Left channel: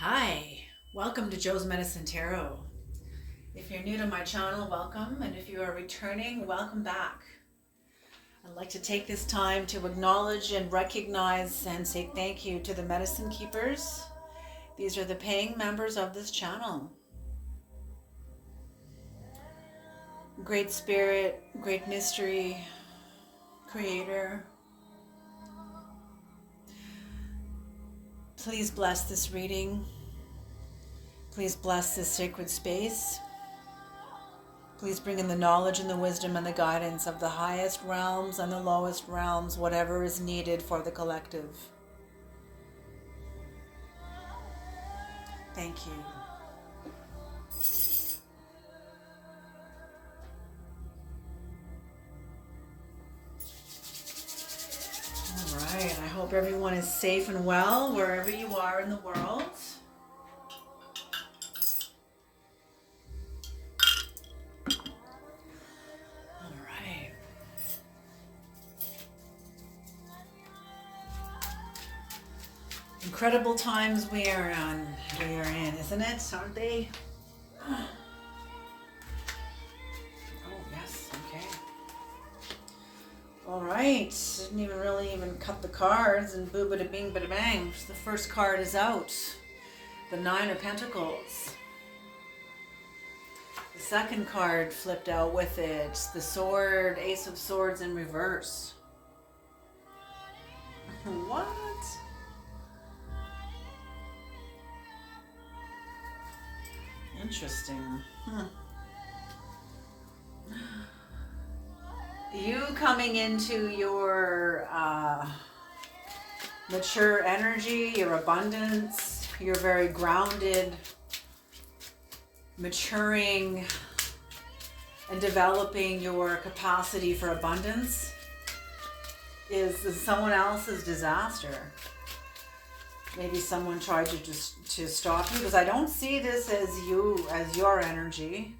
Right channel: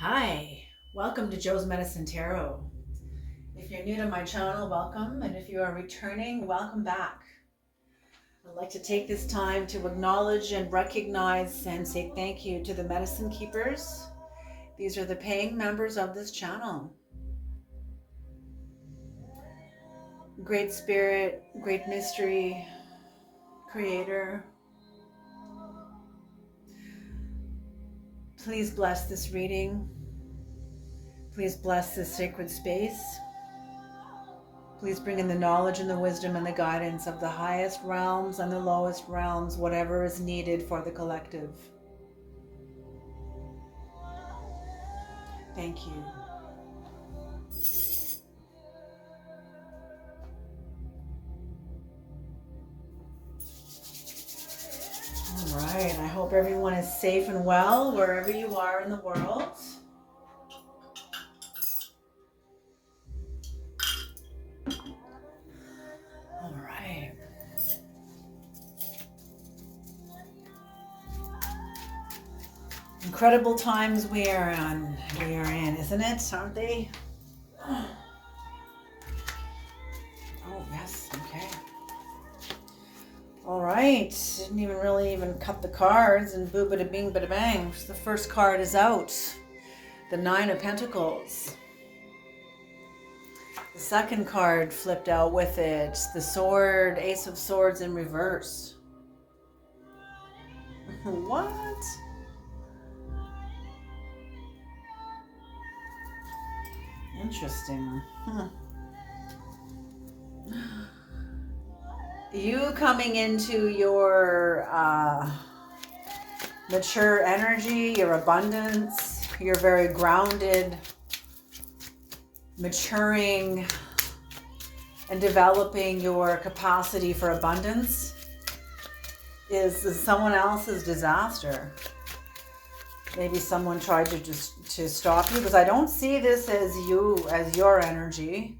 Hi, welcome to Joe's Medicine Tarot. If you're new to my channel, welcome, and if you are returning, welcome back. I'd like to take this time to acknowledge and recognize and say thank you to the medicine keepers. These are the paying members of this channel. Great Spirit, Great Mystery, Creator, please bless this reading. Please bless this sacred space. Please bring in the knowledge and the wisdom and the guidance of the highest realms and the lowest realms, whatever is needed for the collective. Thank you. All right, I hope everyone is safe and well wherever you are in the world. All right. Incredible times we are in, isn't it? Aren't they? Oh, yes, okay. All right, didn't even really cut the cards, and boo bada bing bada bang. The first card is out, the Nine of Pentacles. The second card flipped out with it, the Sword, Ace of Swords in reverse. What? Interesting. You coming into your mature energy, your abundance, you're very grounded, maturing and developing your capacity for abundance is someone else's disaster. Maybe someone tried to stop you, because I don't see this as you, as your energy.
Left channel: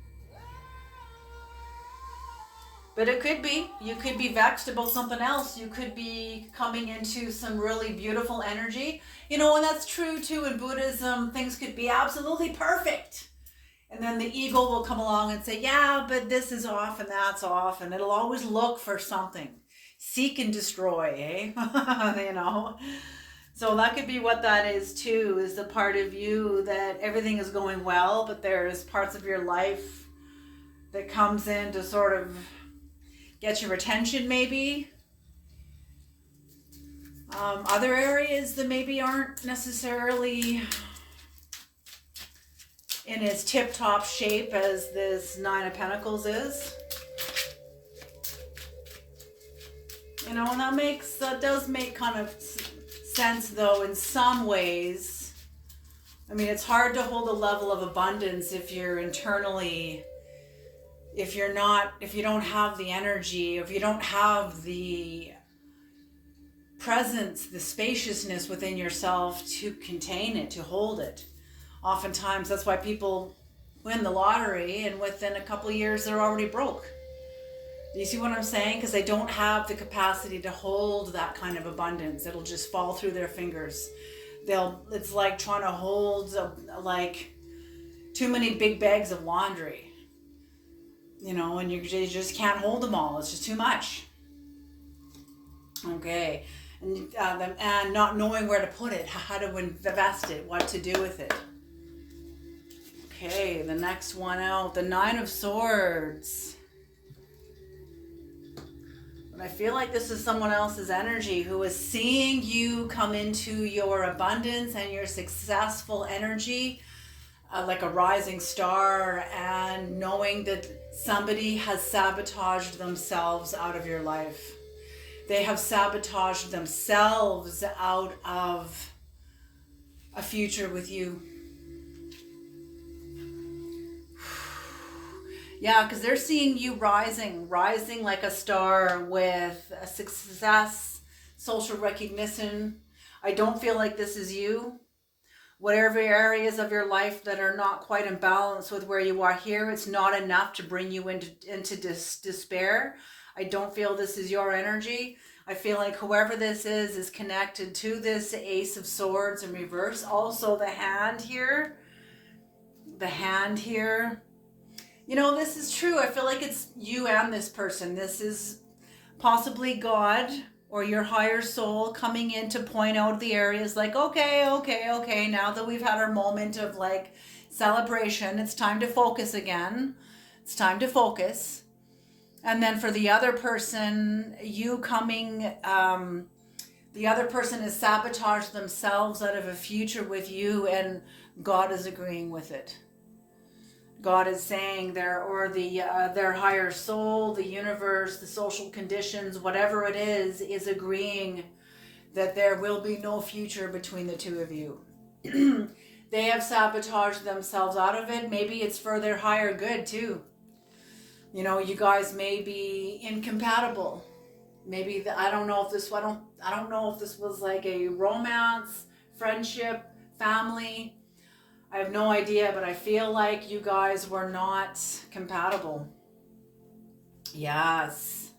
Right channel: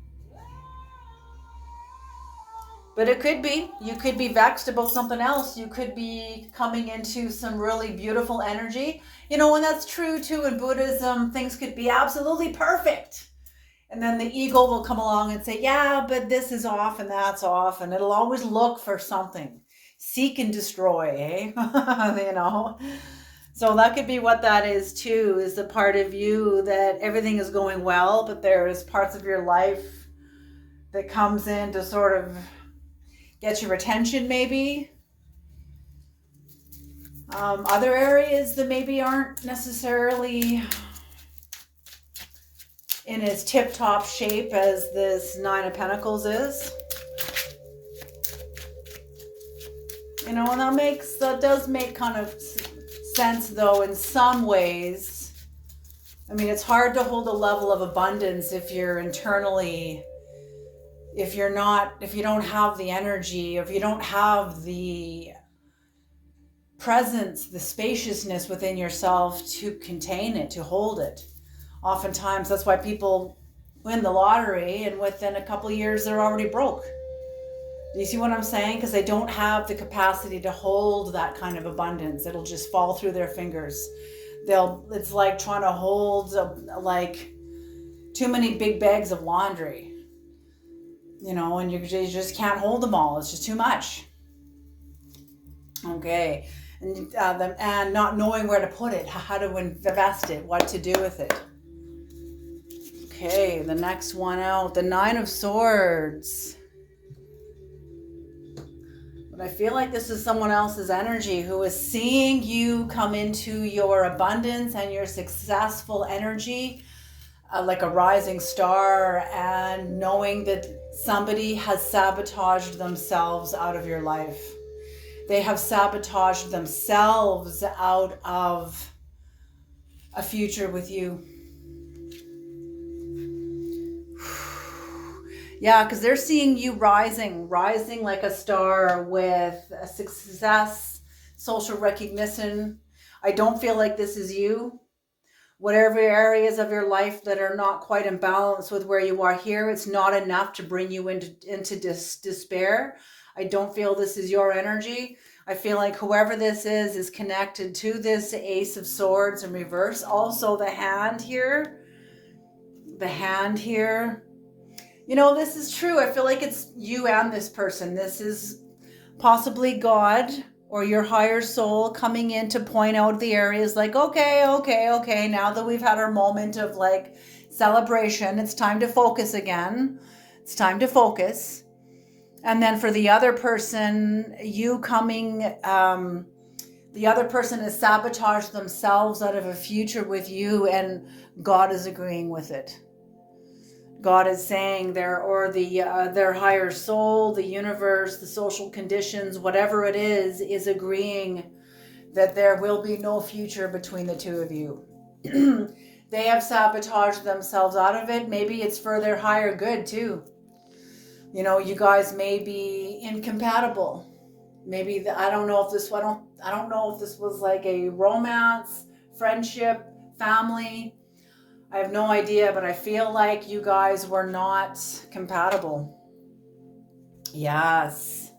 But it could be. You could be vexed about something else. You could be coming into some really beautiful energy. And that's true too in Buddhism. Things could be absolutely perfect. And then the ego will come along and say, yeah, but this is off and that's off. And it'll always look for something. Seek and destroy, eh? So that could be what that is too, is the part of you that everything is going well, but there's parts of your life that comes in to sort of get your attention maybe. Other areas that maybe aren't necessarily in as tip-top shape as this Nine of Pentacles is. And that does make kind of sense though in some ways. I mean, it's hard to hold a level of abundance if you're internally, if you don't have the energy, if you don't have the presence, the spaciousness within yourself to contain it, to hold it. Oftentimes, that's why people win the lottery and within a couple of years, they're already broke. Do you see what I'm saying? Because they don't have the capacity to hold that kind of abundance. It'll just fall through their fingers. It's like trying to hold like too many big bags of laundry. And you just can't hold them all. It's just too much. Okay. And not knowing where to put it, how to invest it, what to do with it. Okay, the next one out, the Nine of Swords. But I feel like this is someone else's energy who is seeing you come into your abundance and your successful energy, like a rising star, and knowing that somebody has sabotaged themselves out of your life. They have sabotaged themselves out of a future with you. Yeah, because they're seeing you rising like a star with a success, social recognition. I don't feel like this is you. Whatever areas of your life that are not quite in balance with where you are here, it's not enough to bring you into despair. I don't feel this is your energy. I feel like whoever this is connected to this Ace of Swords in reverse. Also the hand here. The hand here. You know, this is true. I feel like it's you and this person. This is possibly God or your higher soul coming in to point out the areas like, okay. Now that we've had our moment of like celebration, it's time to focus again. It's time to focus. And then for the other person, you coming, the other person has sabotaged themselves out of a future with you, and God is agreeing with it. God is saying their higher soul, the universe, the social conditions, whatever it is agreeing that there will be no future between the two of you. They have sabotaged themselves out of it. Maybe it's for their higher good too. You know, you guys may be incompatible. Maybe I don't know if this was like a romance, friendship, family. I have no idea, but I feel like you guys were not compatible. Yes.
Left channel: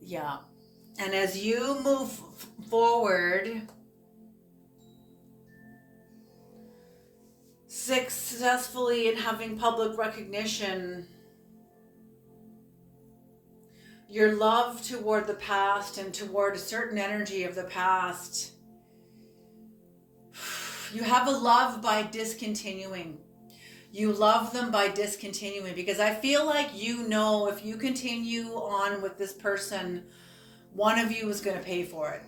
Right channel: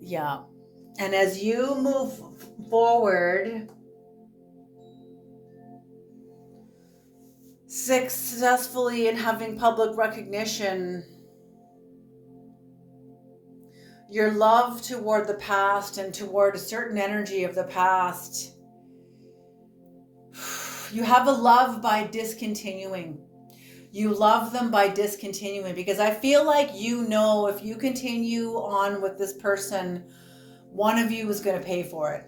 Yeah. And as you move forward, successfully in having public recognition, your love toward the past and toward a certain energy of the past, you have a love by discontinuing. You love them by discontinuing, because I feel like, you know, if you continue on with this person, one of you is going to pay for it.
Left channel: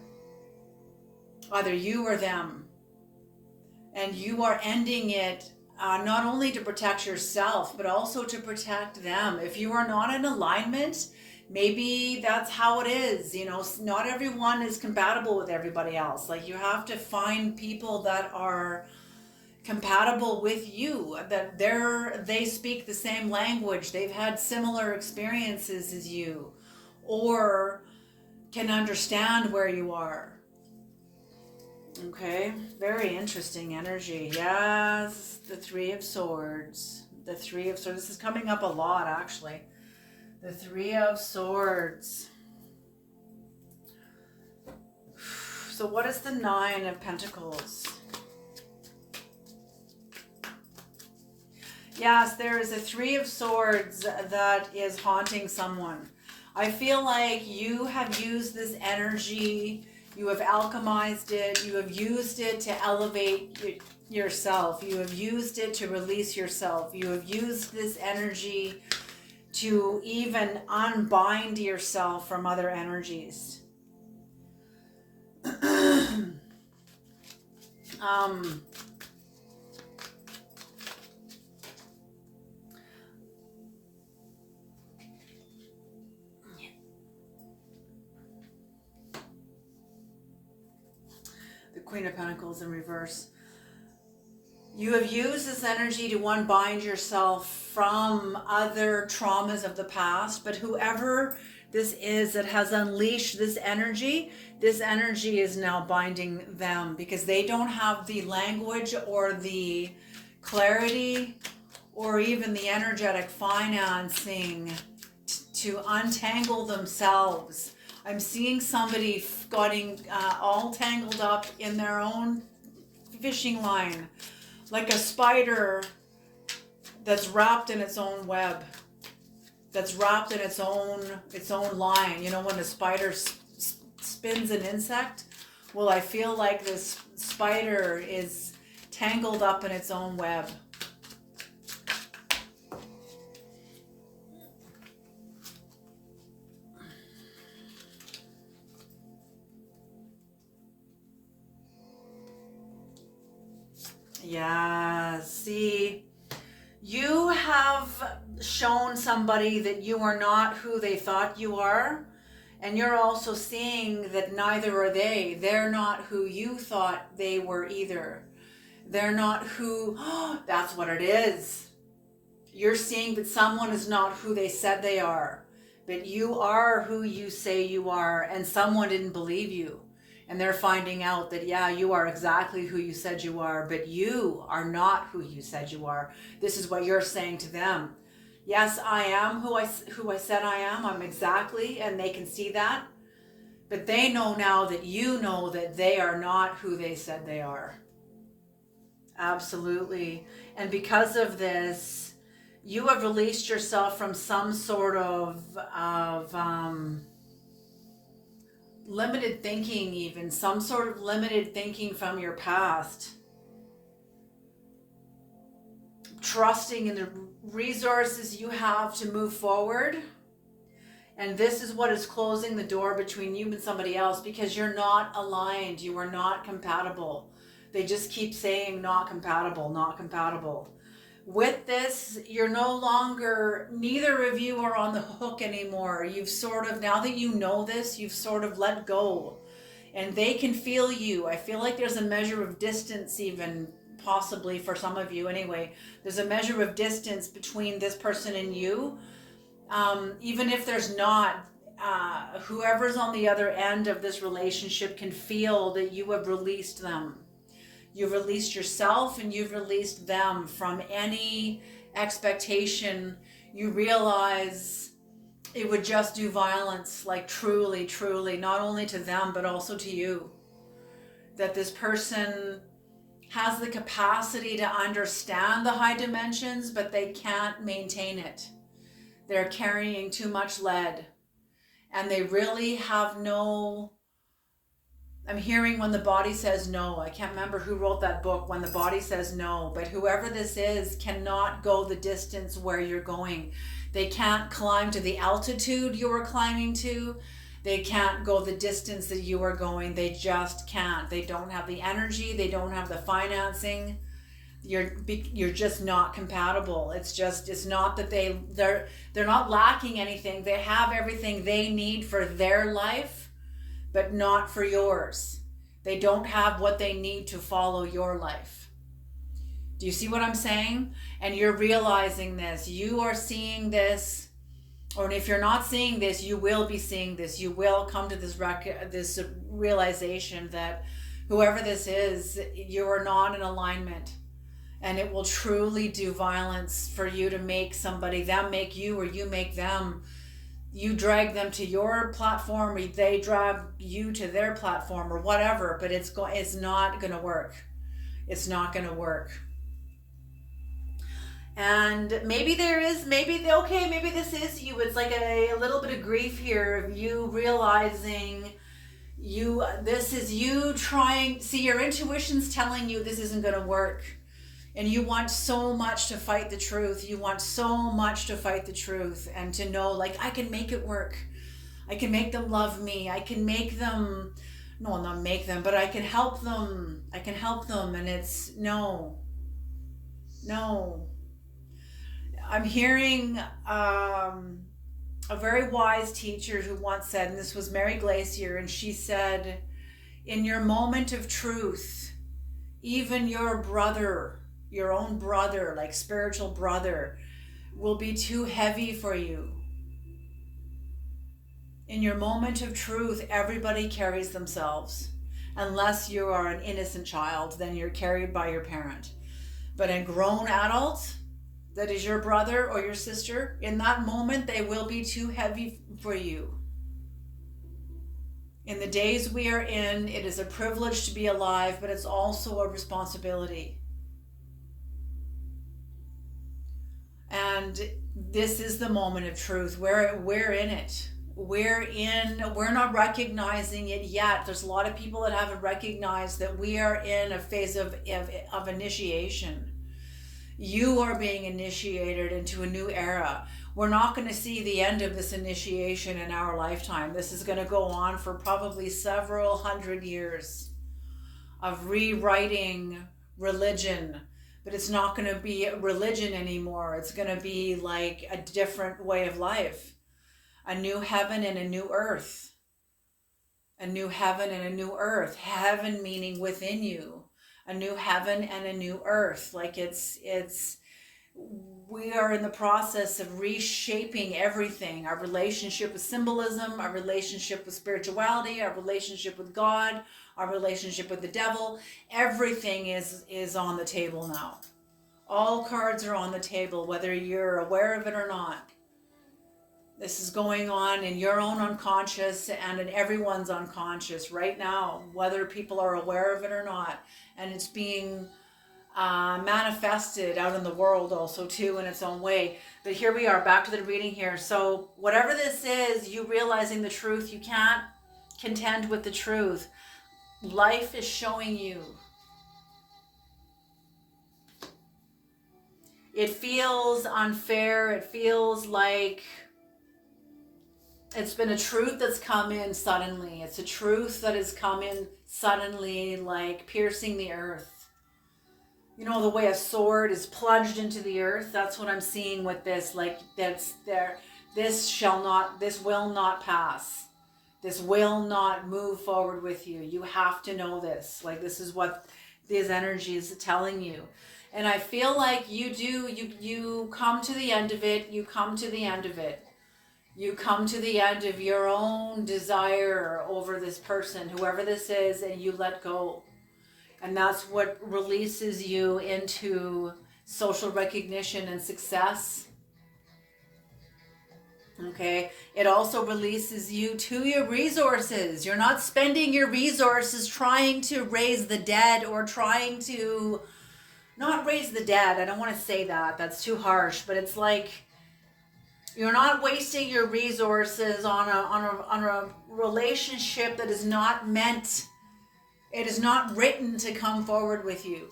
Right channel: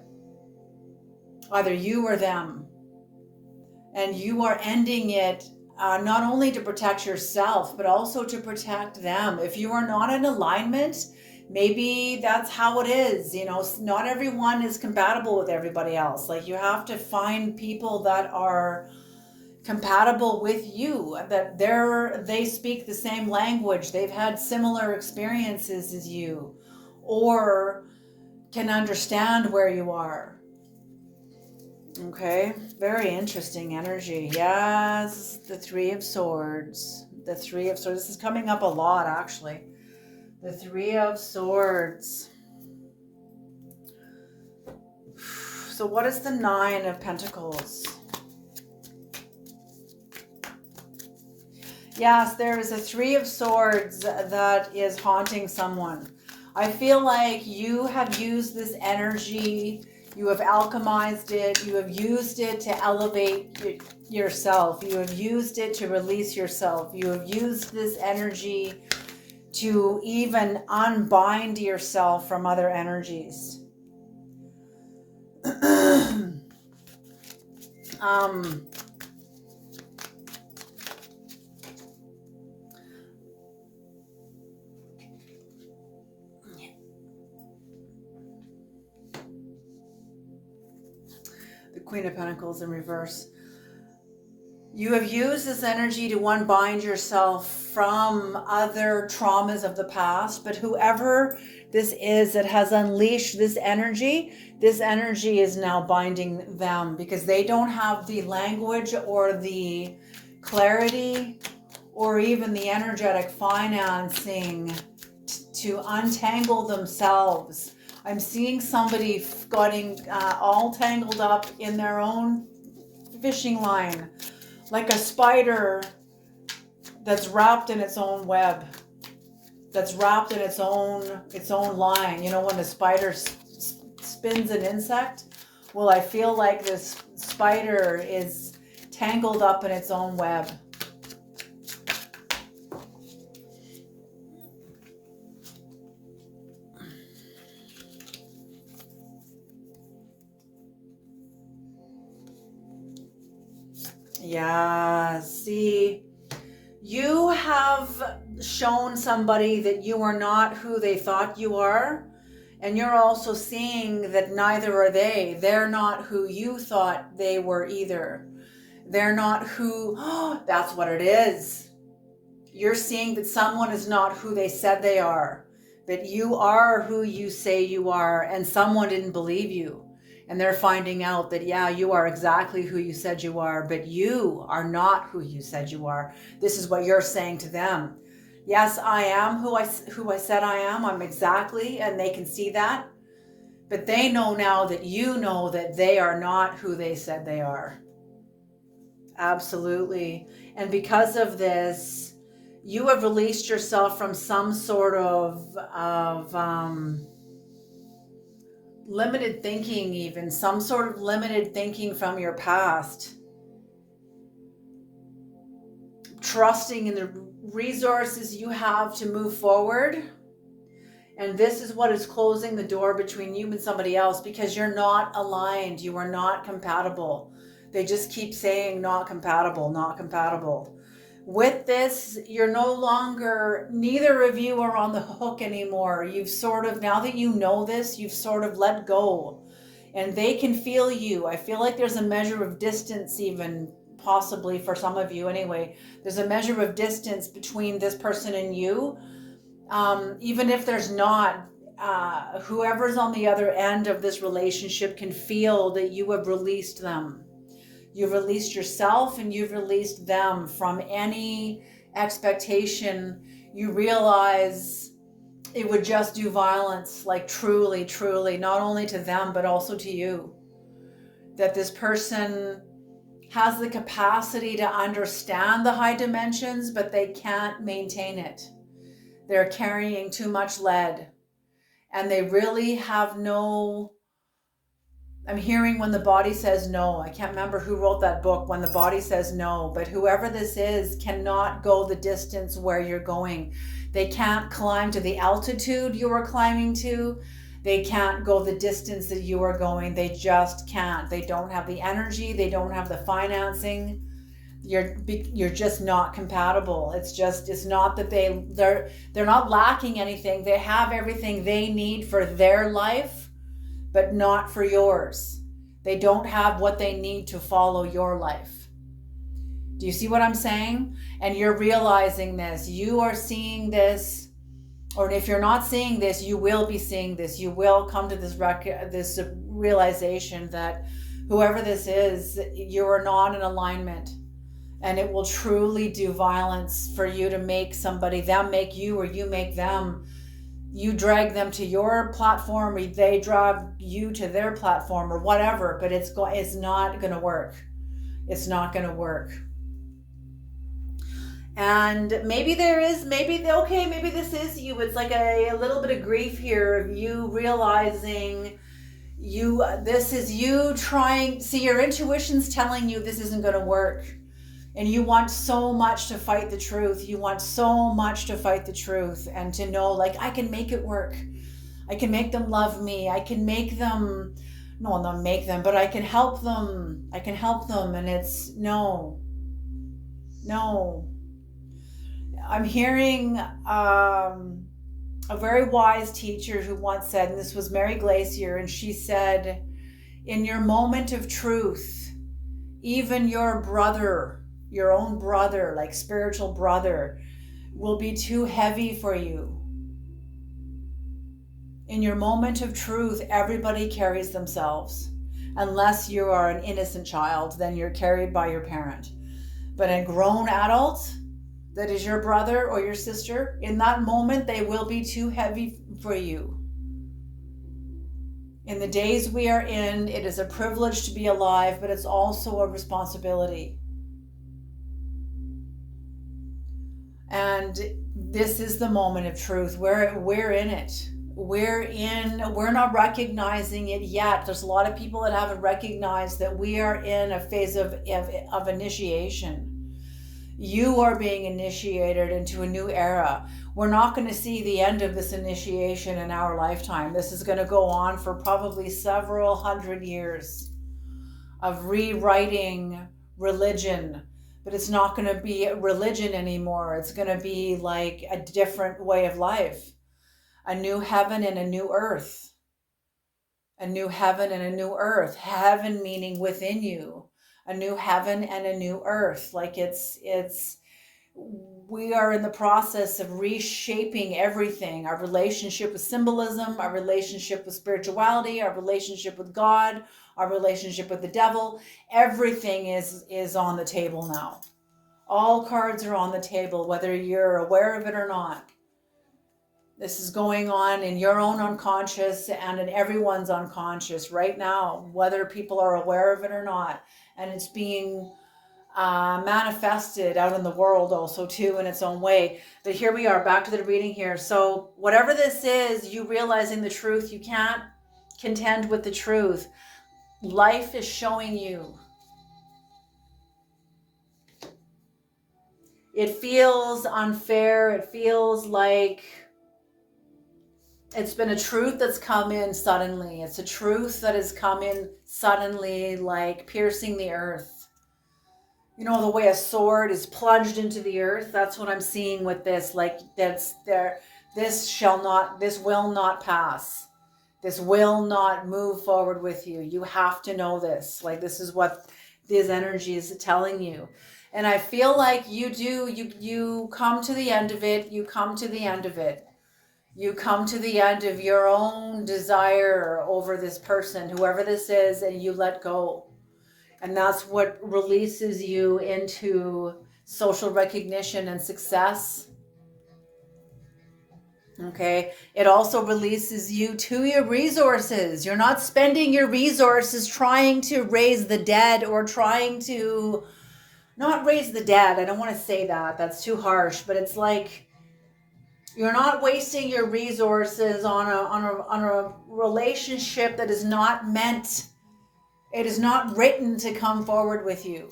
Either you or them. And you are ending it not only to protect yourself, but also to protect them. If you are not in alignment, maybe that's how it is. You know, not everyone is compatible with everybody else. Like, you have to find people that are compatible with you, that they speak the same language, they've had similar experiences as you, or can understand where you are. Okay, very interesting energy. Yes, the Three of Swords. The Three of Swords. This is coming up a lot, actually. The Three of Swords. So what is the Nine of Pentacles? Yes, there is a Three of Swords that is haunting someone. I feel like you have used this energy, you have alchemized it, you have used it to elevate yourself, you have used it to release yourself, you have used this energy to even unbind yourself from other energies. The Queen of Pentacles in reverse. You have used this energy to unbind yourself from other traumas of the past, but whoever this is that has unleashed this energy is now binding them, because they don't have the language or the clarity or even the energetic financing to untangle themselves. I'm seeing somebody getting all tangled up in their own fishing line, like a spider that's wrapped in its own web, that's wrapped in its own line. You know, when a spider spins an insect? Well, I feel like this spider is tangled up in its own web. Yeah, see, you have shown somebody that you are not who they thought you are, and you're also seeing that neither are they. They're not who you thought they were either. They're not who, that's what it is. You're seeing that someone is not who they said they are, that you are who you say you are, and someone didn't believe you. And they're finding out that, yeah, you are exactly who you said you are, but you are not who you said you are. This is what you're saying to them. Yes, I am who I said I am. I'm exactly, and they can see that. But they know now that you know that they are not who they said they are. Absolutely. And because of this, you have released yourself from some sort of limited thinking, even some sort of limited thinking from your past. Trusting in the resources you have to move forward. And this is what is closing the door between you and somebody else, because you're not aligned. You are not compatible. They just keep saying not compatible, not compatible. With this, you're no longer, neither of you are on the hook anymore. You've sort of, now that you know this, you've sort of let go. And they can feel you. I feel like there's a measure of distance, even possibly for some of you anyway. There's a measure of distance between this person and you. Even if there's not, whoever's on the other end of this relationship can feel that you have released them. You've released yourself and you've released them from any expectation. You realize it would just do violence, like truly, truly, not only to them, but also to you. That this person has the capacity to understand the high dimensions, but they can't maintain it. They're carrying too much lead, and they really have no, I'm hearing when the body says no. I can't remember who wrote that book, When the Body Says No, but whoever this is cannot go the distance where you're going. They can't climb to the altitude you are climbing to. They can't go the distance that you are going. They just can't. They don't have the energy. They don't have the financing. You're just not compatible. It's not that they're not lacking anything. They have everything they need for their life, but not for yours. They don't have what they need to follow your life. Do you see what I'm saying? And you're realizing this. You are seeing this, or if you're not seeing this, you will be seeing this. You will come to this realization that whoever this is, you are not in alignment. And it will truly do violence for you to make somebody, them make you, or you make them. You drag them to your platform, or they drag you to their platform, or whatever, but it's not going to work. It's not going to work. And maybe maybe this is you. It's like a little bit of grief here of you realizing this is you trying, see, your intuition's telling you this isn't going to work. And you want so much to fight the truth. You want so much to fight the truth and to know, like, I can make it work. I can make them love me. I can make them, no, not make them, but I can help them. I can help them. And it's no. I'm hearing a very wise teacher who once said, and this was Mary Glacier, and she said, in your moment of truth, even your brother, your own brother, like spiritual brother, will be too heavy for you. In your moment of truth, everybody carries themselves. Unless you are an innocent child, then you're carried by your parent. But a grown adult that is your brother or your sister, in that moment, they will be too heavy for you. In the days we are in, it is a privilege to be alive, but it's also a responsibility. And this is the moment of truth. We're in it. We're not recognizing it yet. There's a lot of people that haven't recognized that we are in a phase of initiation. You are being initiated into a new era. We're not going to see the end of this initiation in our lifetime. This is going to go on for probably several hundred years of rewriting religion. But it's not going to be religion anymore. It's going to be like a different way of life. A new heaven and a new earth. A new heaven and a new earth. Heaven meaning within you. A new heaven and a new earth. Like we are in the process of reshaping everything. Our relationship with symbolism, our relationship with spirituality, our relationship with God, our relationship with the devil. Everything is on the table now. All cards are on the table, whether you're aware of it or not. This is going on in your own unconscious and in everyone's unconscious right now, whether people are aware of it or not. And it's being manifested out in the world also too in its own way. But here we are, back to the reading here. So whatever this is, you realizing the truth, you can't contend with the truth. Life is showing you. It feels unfair. It feels like it's been a truth that's come in suddenly. It's a truth that has come in suddenly, like piercing the earth. You know, the way a sword is plunged into the earth. That's what I'm seeing with this. Like that's there. This will not pass. This will not move forward with you. You have to know this. Like this is what these energies are telling you. And I feel like you come to the end of it. You come to the end of it. You come to the end of your own desire over this person, whoever this is, and you let go. And that's what releases you into social recognition and success. Okay. It also releases you to your resources. You're not spending your resources trying to raise the dead or trying to not raise the dead. I don't want to say that. That's too harsh, but it's like you're not wasting your resources on a relationship that is not meant, it is not written to come forward with you.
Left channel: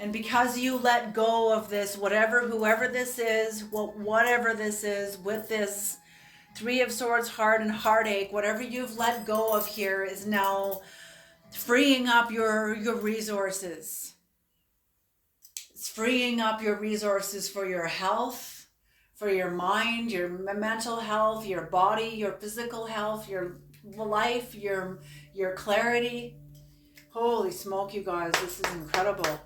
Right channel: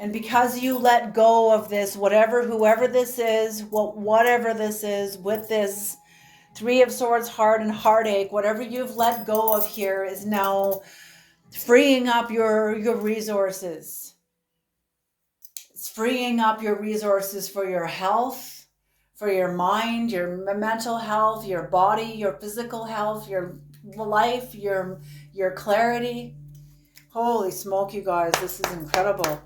And because you let go of this, whoever this is, whatever this is, with this Three of Swords, heart and heartache, whatever you've let go of here is now freeing up your resources. It's freeing up your resources for your health, for your mind, your mental health, your body, your physical health, your life, your clarity. Holy smoke, you guys, this is incredible.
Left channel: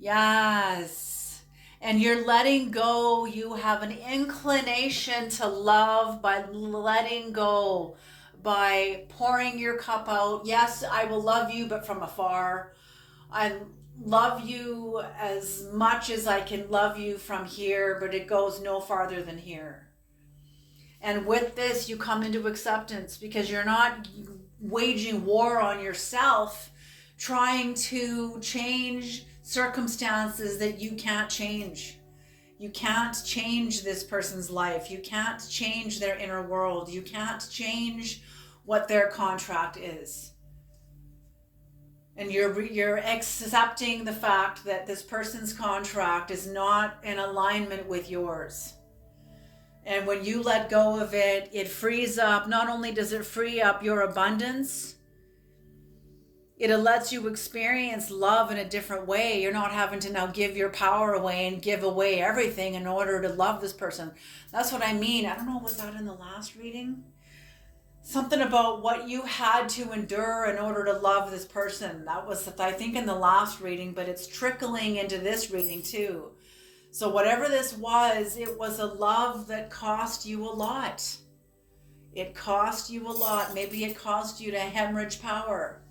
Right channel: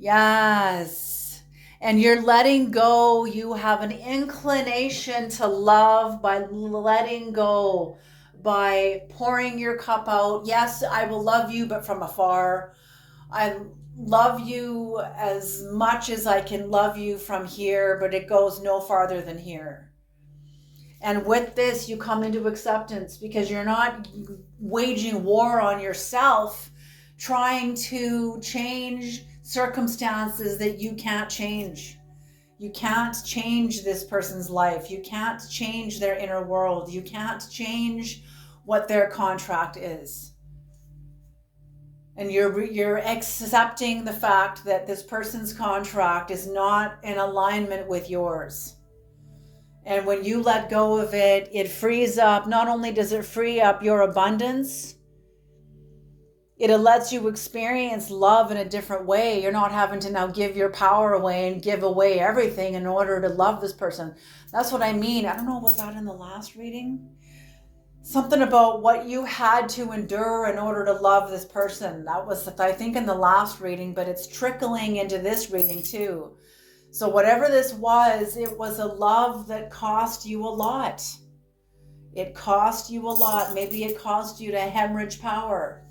Yes. And you're letting go. You have an inclination to love by letting go, by pouring your cup out. Yes, I will love you, but from afar. I love you as much as I can love you from here, but it goes no farther than here. And with this, you come into acceptance because you're not waging war on yourself, trying to change circumstances that you can't change. You can't change this person's life. You can't change their inner world. You can't change what their contract is. And you're accepting the fact that this person's contract is not in alignment with yours. And when you let go of it, it frees up, not only does it free up your abundance, it lets you experience love in a different way. You're not having to now give your power away and give away everything in order to love this person. That's what I mean. I don't know, was that in the last reading? Something about what you had to endure in order to love this person. That was, I think, in the last reading, but it's trickling into this reading too. So whatever this was, it was a love that cost you a lot. It cost you a lot. Maybe it cost you to hemorrhage power.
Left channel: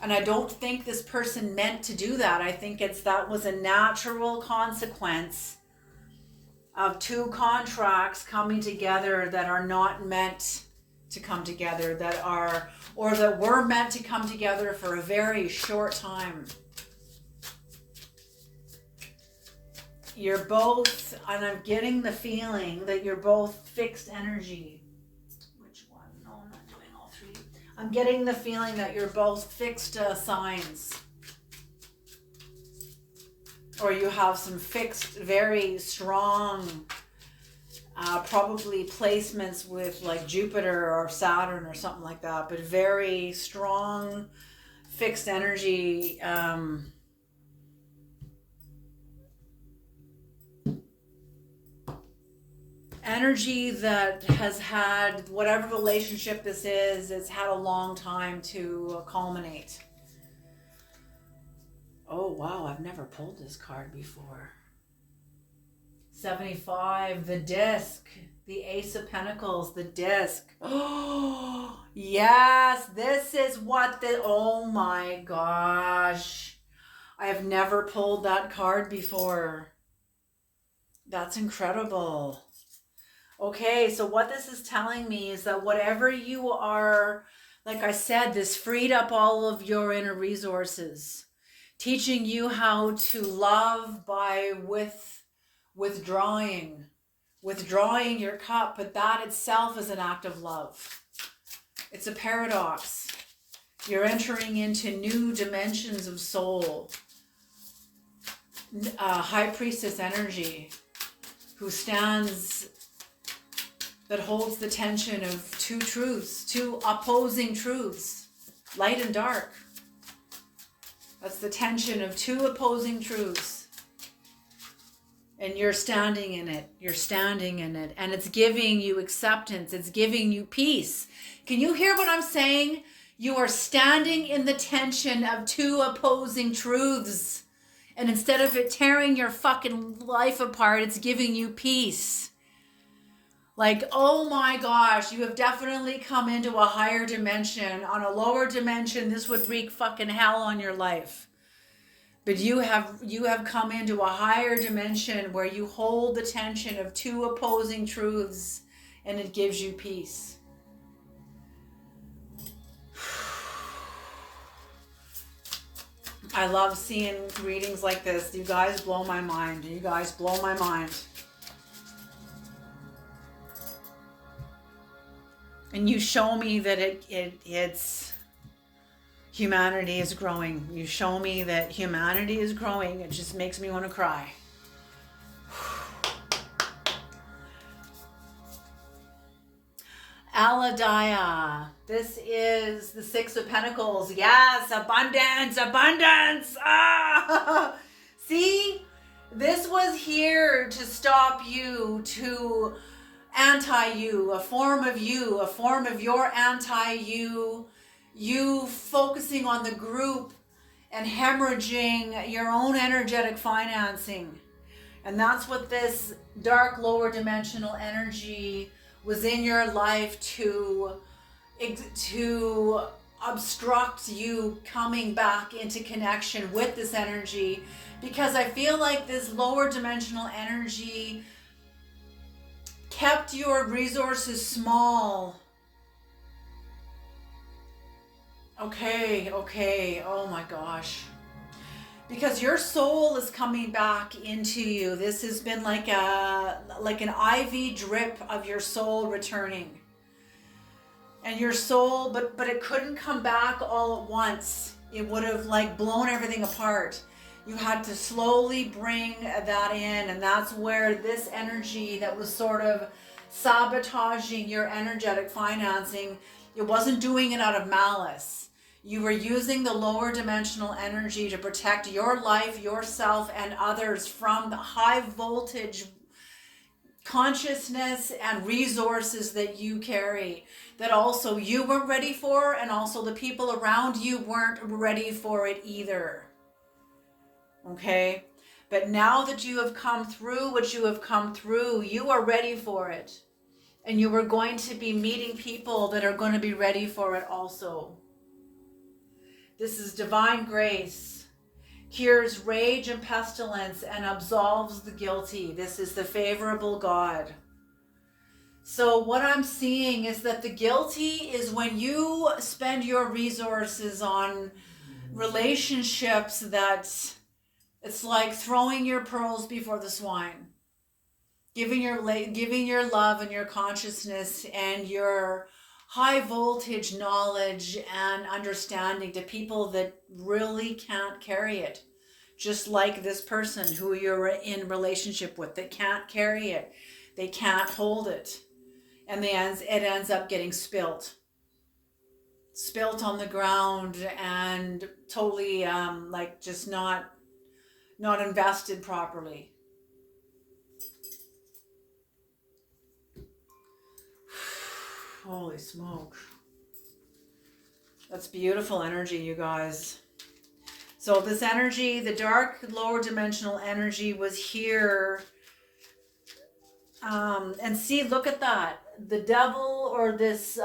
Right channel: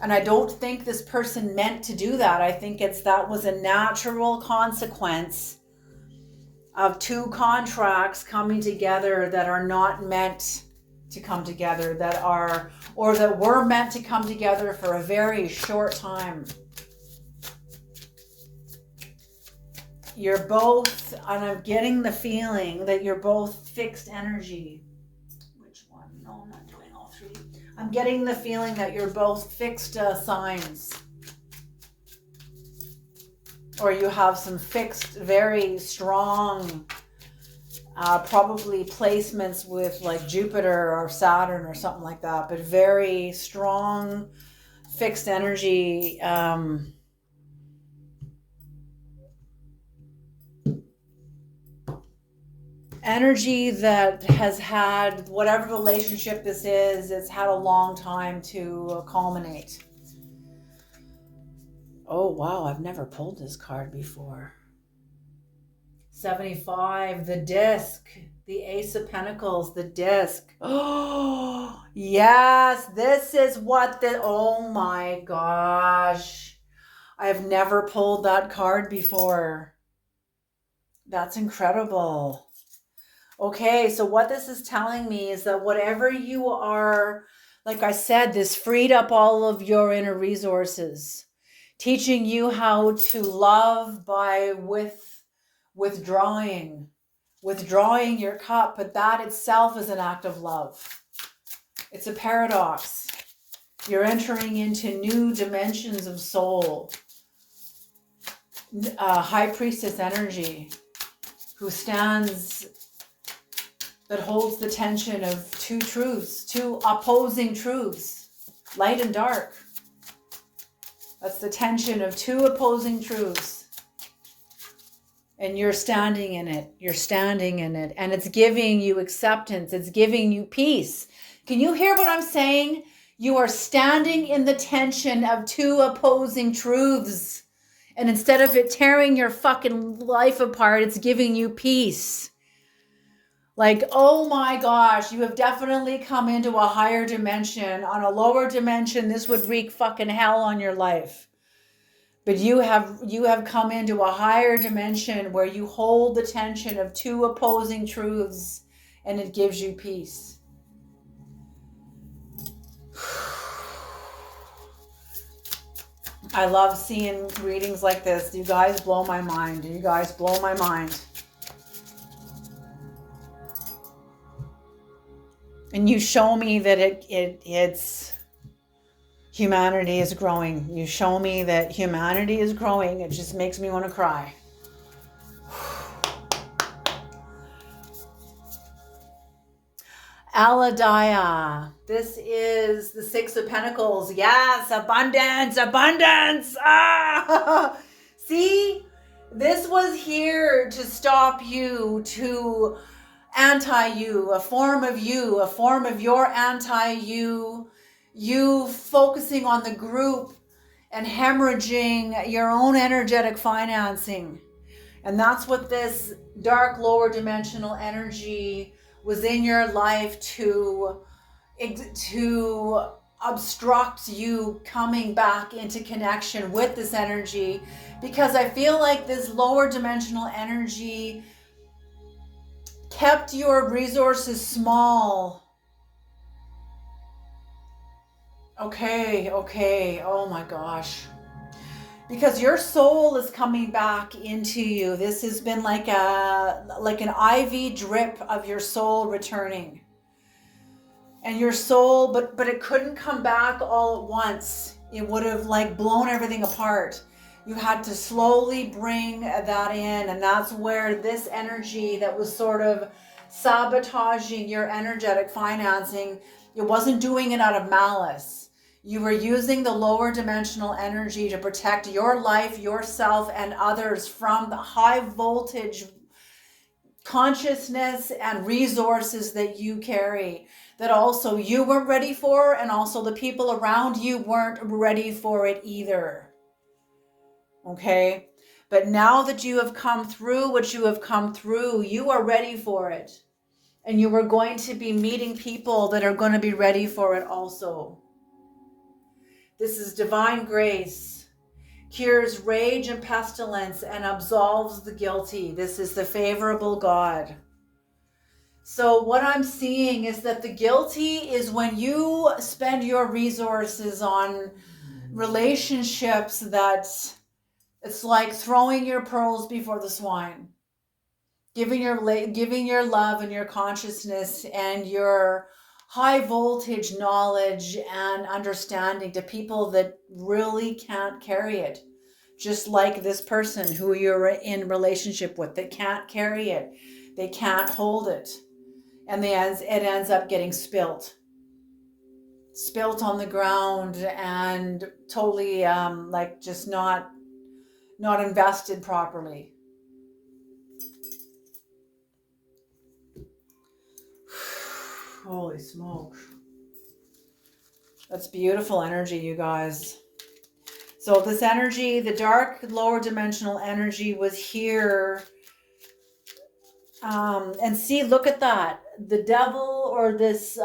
And I don't think this person meant to do that. I think that was a natural consequence of two contracts coming together that are not meant to come together, that were meant to come together for a very short time. You're both, and I'm getting the feeling that you're both fixed energy. Which one? No, I'm not doing all three. I'm getting the feeling that you're both fixed signs. Or you have some fixed, very strong, probably placements with like Jupiter or Saturn or something like that, but very strong, fixed energy. Energy that has had, whatever relationship this is, it's had a long time to culminate. Oh, wow, I've never pulled this card before. 75, the disc, the Ace of Pentacles, the disc. Oh, yes, this is what oh my gosh. I've never pulled that card before. That's incredible. Okay, so what this is telling me is that whatever you are, like I said, this freed up all of your inner resources, teaching you how to love by withdrawing your cup, but that itself is an act of love. It's a paradox. You're entering into new dimensions of soul. High priestess energy who stands, that holds the tension of two truths, two opposing truths, light and dark. That's the tension of two opposing truths. And you're standing in it. You're standing in it. And it's giving you acceptance. It's giving you peace. Can you hear what I'm saying? You are standing in the tension of two opposing truths. And instead of it tearing your fucking life apart, it's giving you peace. Like, oh my gosh, you have definitely come into a higher dimension. On a lower dimension, this would wreak fucking hell on your life. But you have come into a higher dimension where you hold the tension of two opposing truths, and it gives you peace. I love seeing readings like this. You guys blow my mind. You guys blow my mind. And you show me that it's humanity is growing. You show me that humanity is growing. It just makes me want to cry. Aladaya. This is the Six of Pentacles. Yes, abundance, abundance. Ah! See, this was here to stop you, to anti-you, a form of your anti-you, you focusing on the group and hemorrhaging your own energetic financing. And that's what this dark lower dimensional energy was in your life to obstruct you coming back into connection with this energy, because I feel like this lower dimensional energy kept your resources small. Okay, oh my gosh. Because your soul is coming back into you. This has been like an IV drip of your soul returning. And your soul, but it couldn't come back all at once. It would have like blown everything apart. You had to slowly bring that in, and that's where this energy that was sort of sabotaging your energetic financing, it wasn't doing it out of malice. You were using the lower dimensional energy to protect your life, yourself, and others from the high voltage consciousness and resources that you carry, that also you weren't ready for, and also the people around you weren't ready for it either. Okay? But now that you have come through what you have come through, you are ready for it. And you are going to be meeting people that are going to be ready for it also. This is divine grace, cures rage and pestilence, and absolves the guilty. This is the favorable God. So what I'm seeing is that the guilty is when you spend your resources on relationships that it's like throwing your pearls before the swine. Giving your love and your consciousness and your high voltage knowledge and understanding to people that really can't carry it. Just like this person who you're in relationship with that can't carry it. They can't hold it. And it ends up getting spilt on the ground and totally like just not invested properly. Holy smoke. That's beautiful energy, you guys. So this energy, the dark lower dimensional energy, was here. And see, look at that. The devil, or this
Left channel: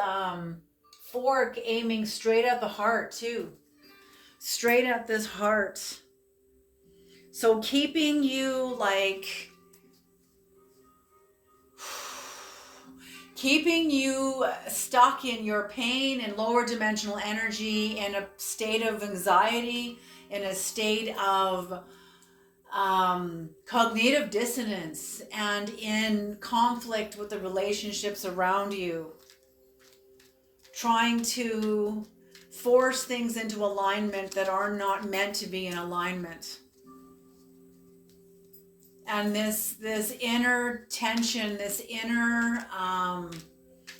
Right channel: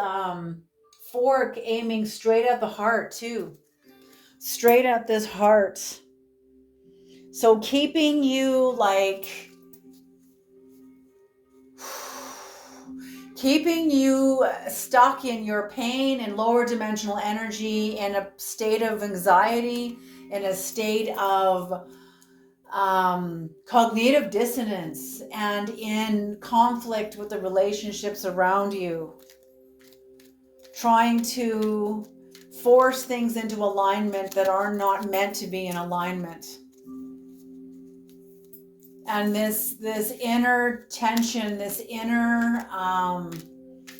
fork aiming straight at the heart too. Straight at this heart. So keeping you like keeping you stuck in your pain and lower dimensional energy, in a state of anxiety, in a state of cognitive dissonance, and in conflict with the relationships around you, trying to force things into alignment that are not meant to be in alignment. And this inner tension, this inner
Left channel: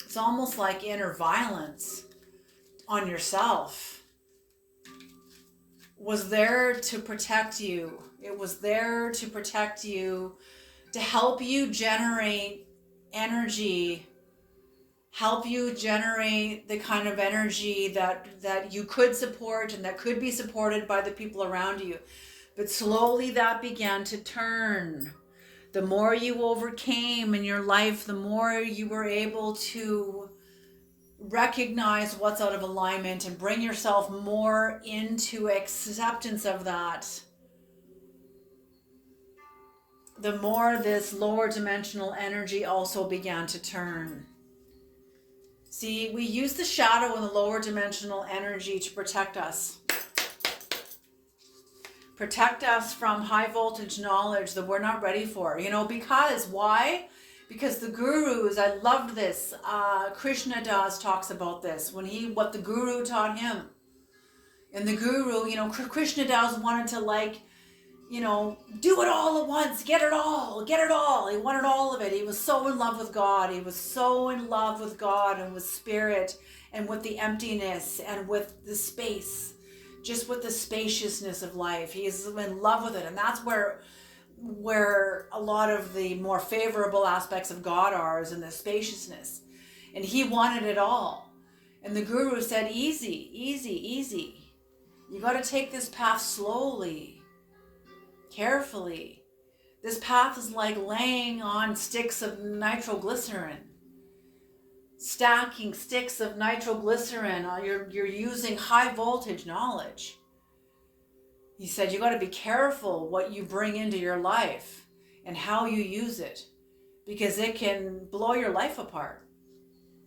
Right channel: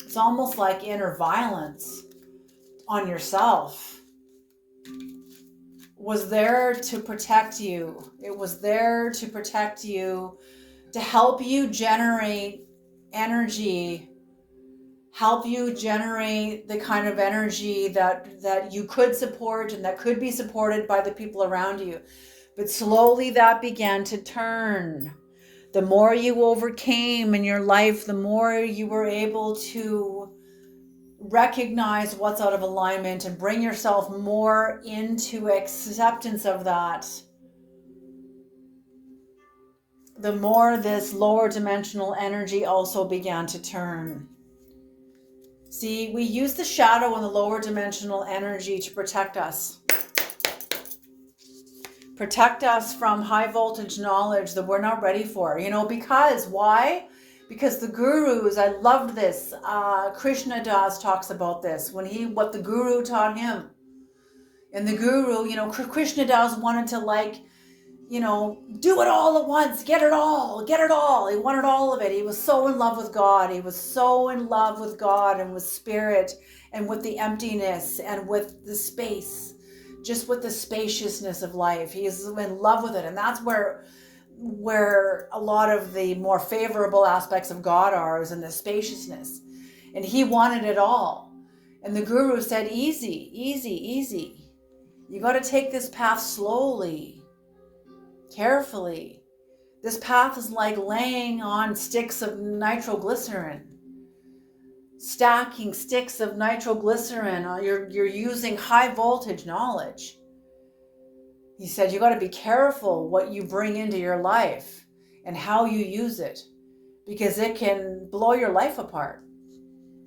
it's almost like inner violence on yourself was there to protect you. It was there to protect you, to help you generate energy, help you generate the kind of energy that you could support and that could be supported by the people around you. But slowly that began to turn. The more you overcame in your life, the more you were able to recognize what's out of alignment and bring yourself more into acceptance of that. The more this lower dimensional energy also began to turn. See, we use the shadow and the lower dimensional energy to protect us. Protect us from high voltage knowledge that we're not ready for. Because why? Because the gurus, I loved this. Krishna Das talks about this what the guru taught him. And the guru, Krishna Das wanted to do it all at once, get it all. He wanted all of it. He was so in love with God. He was so in love with God and with spirit and with the emptiness and with the space. Just with the spaciousness of life. He is in love with it. And that's where a lot of the more favorable aspects of God are, is in the spaciousness. And he wanted it all. And the guru said, easy, easy, easy. You got to take this path slowly, carefully. This path is like laying on sticks of nitroglycerin. Stacking sticks of nitroglycerin, you're using high voltage knowledge. He said you got to be careful what you bring into your life and how you use it, because it can blow your life apart.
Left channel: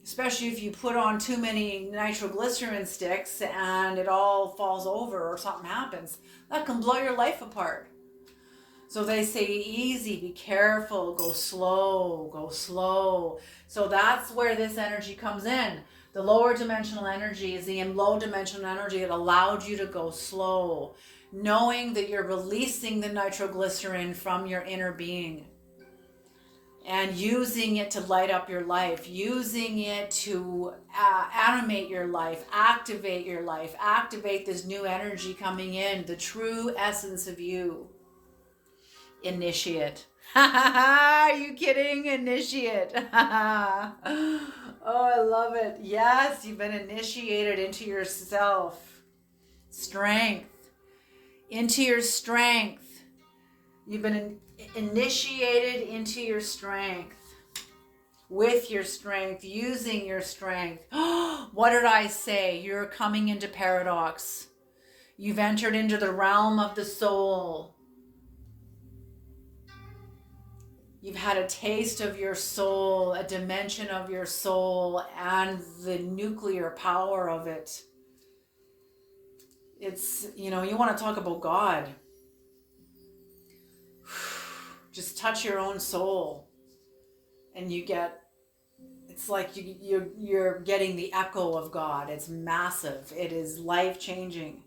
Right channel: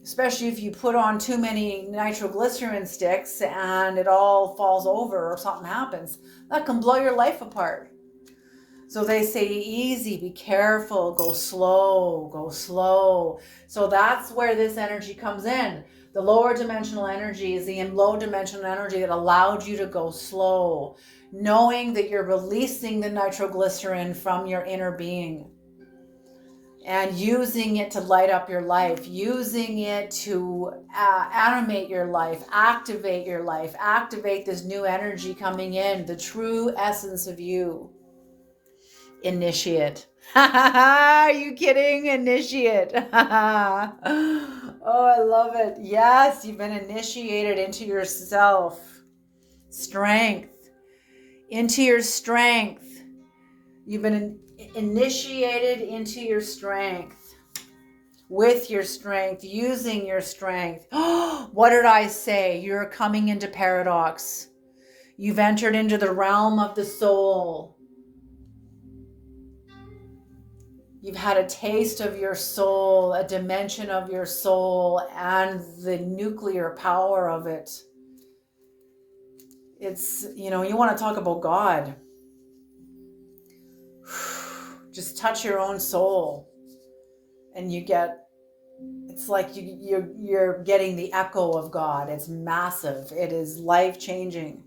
Especially if you put on too many nitroglycerin sticks and it all falls over or something happens, that can blow your life apart. So they say easy, be careful, go slow, go slow. So that's where this energy comes in. The lower dimensional energy is the low dimensional energy that allowed you to go slow, knowing that you're releasing the nitroglycerin from your inner being and using it to light up your life, using it to animate your life, activate your life, activate this new energy coming in, the true essence of you. Initiate. Are you kidding? Initiate. Oh, I love it. Yes, you've been initiated into yourself. Strength. Into your strength. You've been initiated into your strength. With your strength. Using your strength. What did I say? You're coming into paradox. You've entered into the realm of the soul. You've had a taste of your soul, a dimension of your soul, and the nuclear power of it. It's, you want to talk about God. Just touch your own soul and it's like you're getting the echo of God. It's massive. It is life-changing.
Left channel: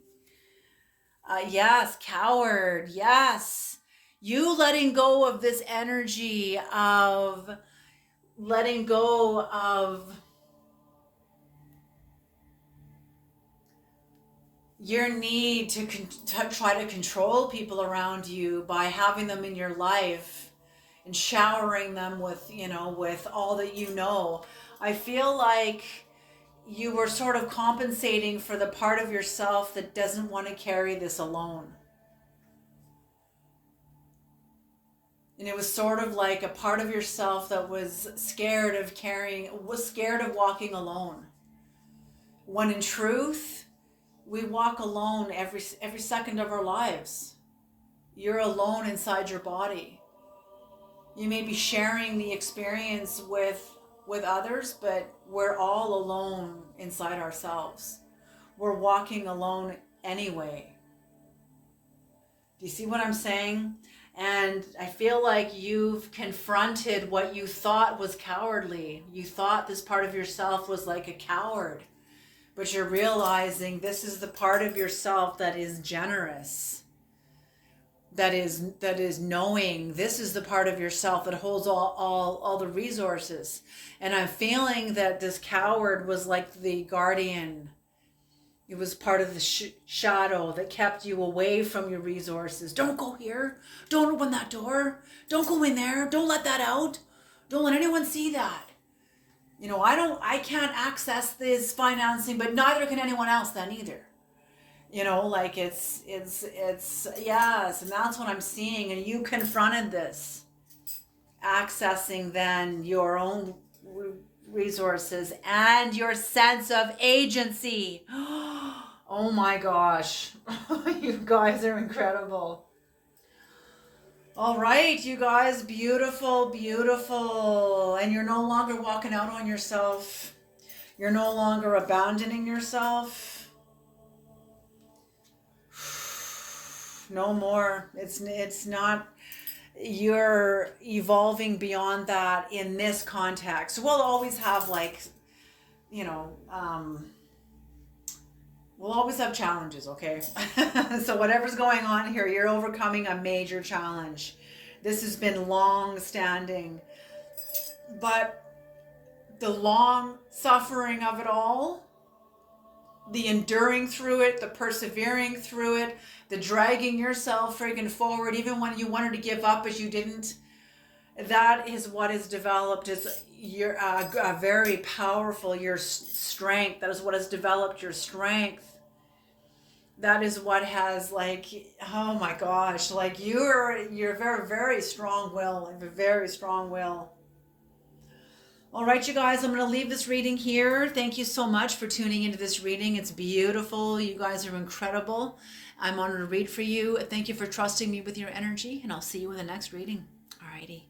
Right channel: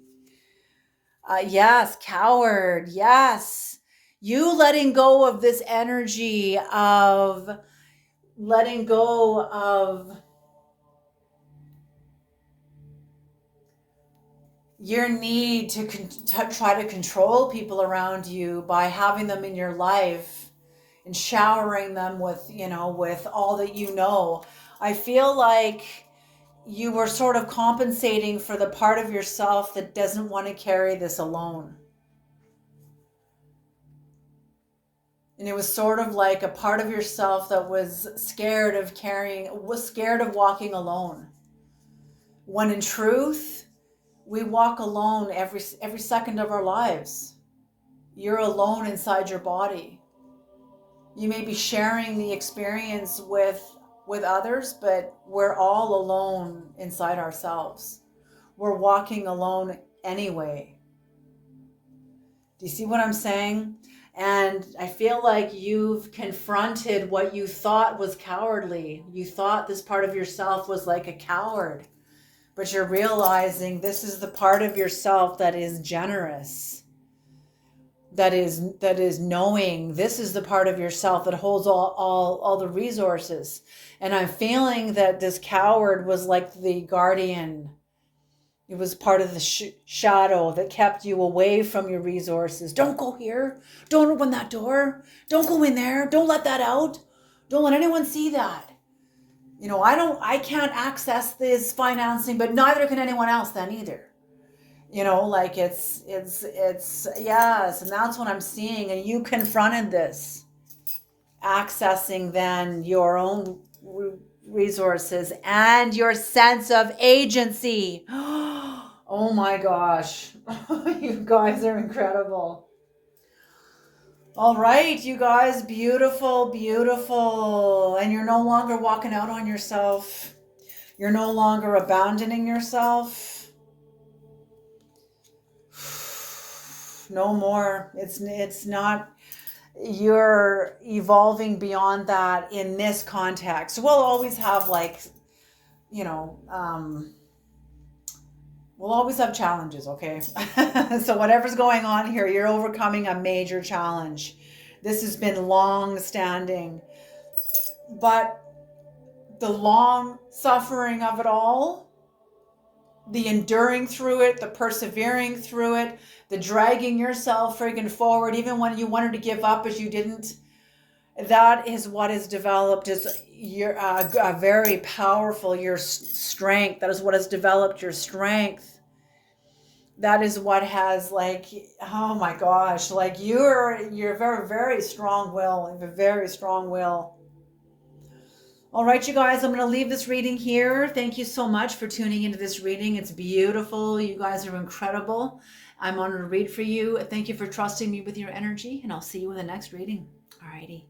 Yes, coward. Yes. You letting go of this energy of letting go of your need to try to control people around you by having them in your life and showering them with, with all that you know. I feel like you were sort of compensating for the part of yourself that doesn't want to carry this alone. And it was sort of like a part of yourself that was scared of walking alone. When in truth, we walk alone every second of our lives. You're alone inside your body. You may be sharing the experience with with others, but we're all alone inside ourselves. We're walking alone anyway. Do you see what I'm saying? And I feel like you've confronted what you thought was cowardly. You thought this part of yourself was like a coward, but you're realizing this is the part of yourself that is generous, that is knowing. This is the part of yourself that holds all the resources. And I'm feeling that this coward was like the guardian. It was part of the shadow that kept you away from your resources. Don't go here. Don't open that door. Don't go in there. Don't let that out. Don't let anyone see that. You know, I can't access this financing, but neither can anyone else then either. You know, like it's yes, and that's what I'm seeing. And you confronted this, accessing then your own resources and your sense of agency. Oh my gosh. You guys are incredible. All right, you guys, beautiful, beautiful. And you're no longer walking out on yourself. You're no longer abandoning yourself. No more. It's not. You're evolving beyond that in this context. We'll always have like, you know, we'll always have challenges, okay? So whatever's going on here, you're overcoming a major challenge. This has been long standing. But the long suffering of it all, the enduring through it, the persevering through it, the dragging yourself friggin' forward, even when you wanted to give up but you didn't, that is what is developed is your a very powerful, your strength. That is what has developed your strength. That is what has, like, oh my gosh, like you're very, very strong will. You have a very strong will. All right, you guys, I'm going to leave this reading here. Thank you so much for tuning into this reading. It's beautiful. You guys are incredible. I'm honored to read for you. Thank you for trusting me with your energy, and I'll see you in the next reading. All righty.